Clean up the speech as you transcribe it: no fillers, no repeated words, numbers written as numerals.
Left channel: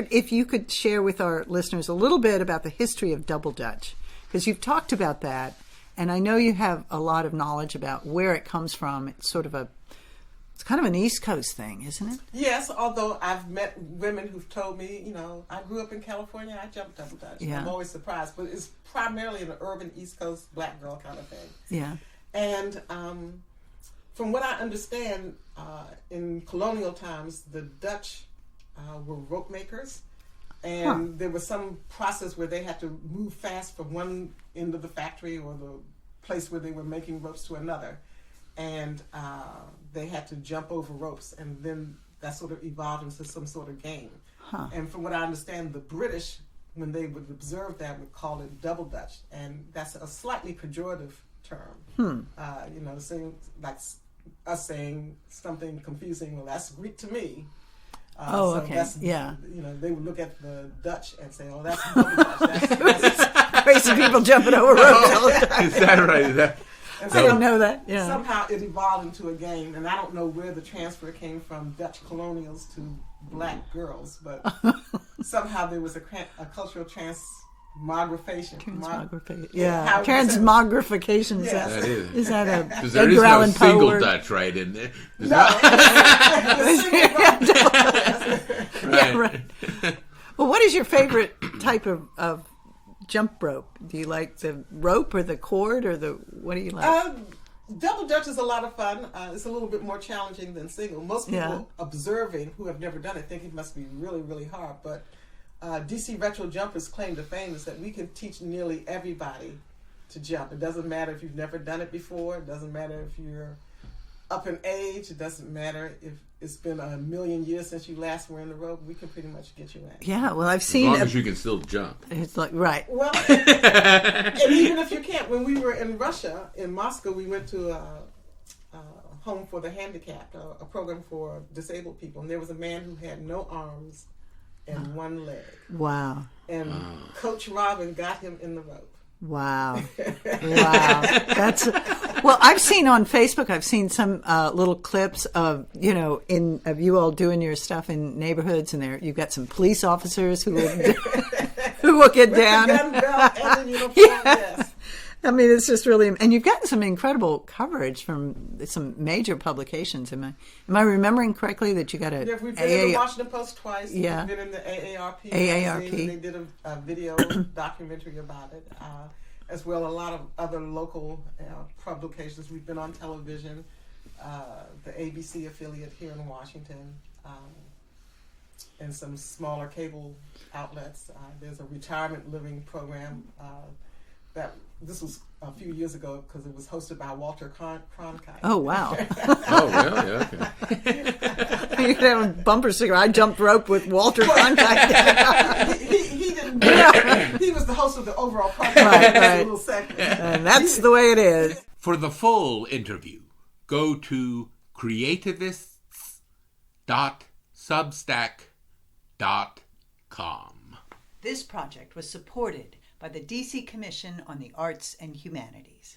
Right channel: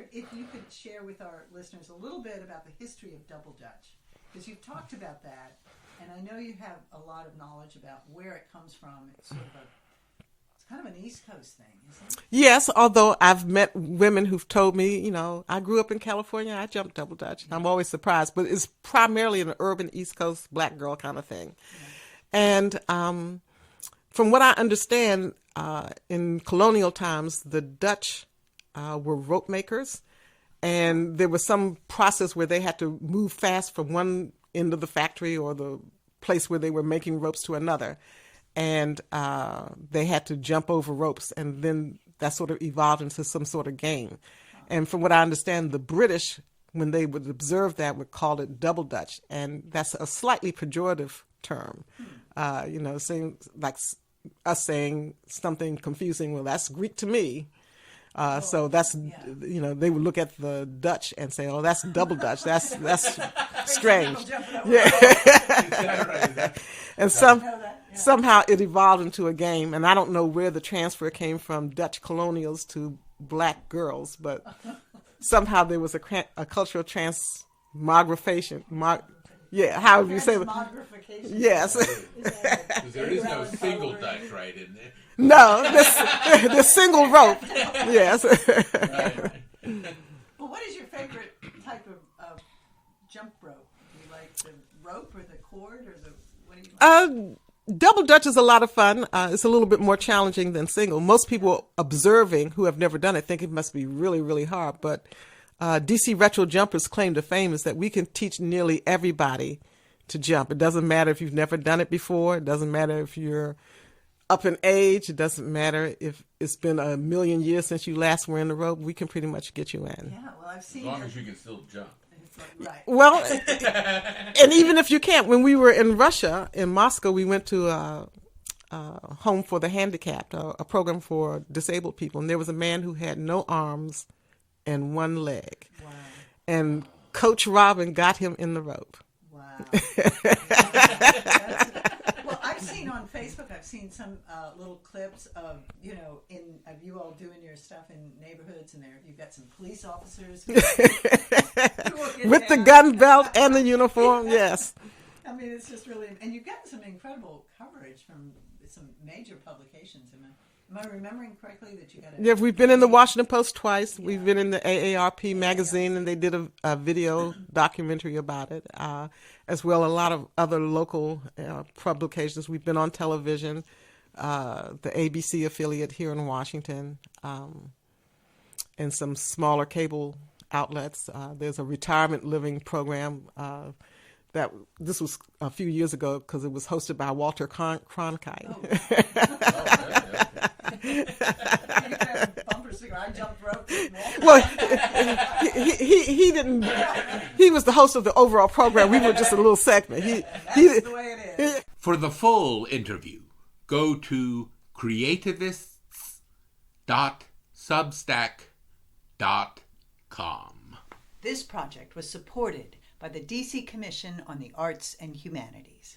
wondered if you could share with our listeners a little bit about the history of double Dutch, because you've talked about that, and I know you have a lot of knowledge about where it comes from. It's kind of an East Coast thing, isn't it? Yes, although I've met women who've told me, I grew up in California, I jumped double Dutch. Yeah. I'm always surprised, but it's primarily an urban East Coast black girl kind of thing. Yeah. And from what I understand, in colonial times, the Dutch were rope makers, and there was some process where they had to move fast from one end of the factory or the place where they were making ropes to another. And they had to jump over ropes, and then that sort of evolved into some sort of game. And from what I understand, the British, when they would observe that, would call it double Dutch, and that's a slightly pejorative term. Saying like us saying something confusing. Well, that's Greek to me. So that's they would look at the Dutch and say, "Oh, that's double Dutch. That's crazy people jumping over ropes." Is that right? And I didn't know that. Yeah. Somehow it evolved into a game, and I don't know where the transfer came from Dutch colonials to black girls, but somehow there was a cultural transmogrification. Transmogrification. Yes. Is that a because there is no single Dutch, right, in there? No, the single rope. Yes. Right. Yeah, right. Well, what is your favorite type of jump rope? Do you like the rope or the cord or what do you like? Double Dutch is a lot of fun. It's a little bit more challenging than single. Most people observing who have never done it think it must be really, really hard. But DC Retro Jumpers' claim to fame is that we can teach nearly everybody to jump. It doesn't matter if you've never done it before. It doesn't matter if you're up in age. It doesn't matter if it's been 1,000,000 years since you last were in the rope. We can pretty much get you in. Yeah, well, I've seen... As long as you can still jump. It's like, right. Well, and even if you can't, when we were in Russia, in Moscow, we went to a home for the handicapped, a program for disabled people. And there was a man who had no arms and one leg. Wow. And Coach Robin got him in the rope. Wow. That's well, I've seen on Facebook, I've seen some little clips of, of you all doing your stuff in neighborhoods, and you've got some police officers who will get with down. The gun belt and the uniform, yes. I mean, it's just really, and you've gotten some incredible coverage from some major publications. Am I remembering correctly that you got a? Yeah, we've been in the Washington Post twice. Yeah. We've been in the AARP magazine, and they did a video documentary about it, as well as a lot of other local publications. We've been on television, the ABC affiliate here in Washington, and some smaller cable outlets. There's a retirement living program. This was a few years ago because it was hosted by Walter Cronkite. Oh, wow. Oh, really? Okay. You could have a bumper sticker. I jumped rope with Walter Cronkite. He didn't. He was the host of the overall program. Right, just a little segment. And that's the way it is. For the full interview, go to creativists.substack.com. This project was supported by the DC Commission on the Arts and Humanities.